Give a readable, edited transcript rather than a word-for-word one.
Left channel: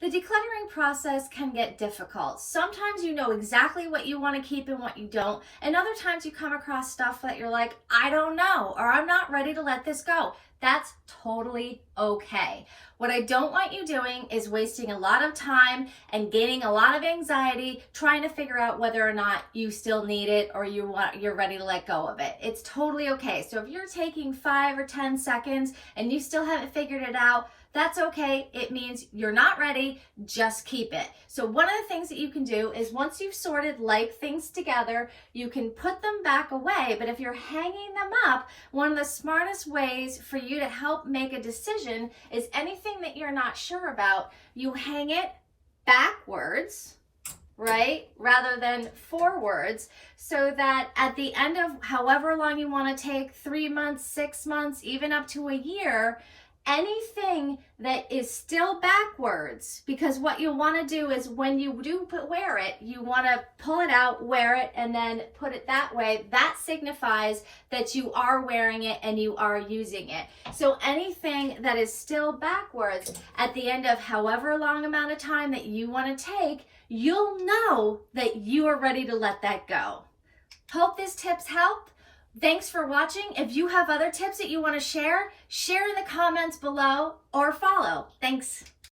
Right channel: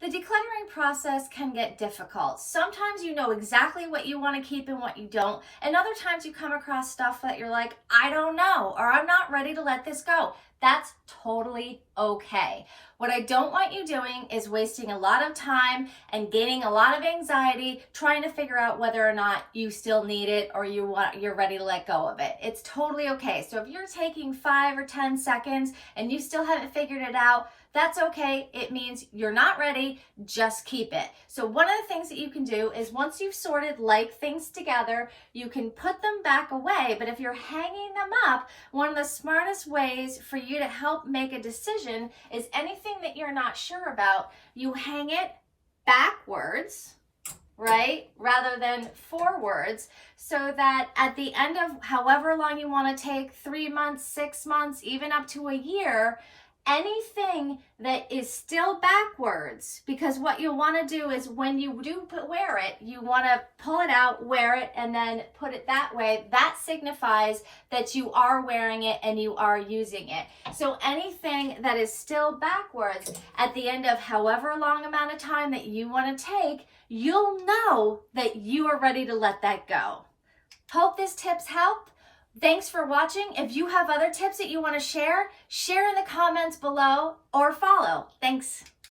The decluttering process can get difficult. Sometimes you know exactly what you want to keep and what you don't, and other times you come across stuff that you're like, I don't know, or I'm not ready to let this go. That's totally okay. What I don't want you doing is wasting a lot of time and gaining a lot of anxiety trying to figure out whether or not you still need it or you're ready to let go of it. It's totally okay. So if you're taking 5 or 10 seconds and you still haven't figured it out, that's okay. It means you're not ready. Just keep it. So one of the things that you can do is once you've sorted like things together, you can put them back away. But if you're hanging them up, one of the smartest ways for you to help make a decision is anything that you're not sure about, you hang it backwards, right, rather than forwards, so that at the end of however long you want to take, 3 months, 6 months, even up to a year, anything that is still backwards, because what you'll want to do is when you do wear it, you want to pull it out, wear it, and then put it that way. That signifies that you are wearing it and you are using it. So anything that is still backwards at the end of however long amount of time that you want to take, you'll know that you are ready to let that go. Hope this tips help. Thanks for watching. If you have other tips that you want to share in the comments below or follow. Thanks.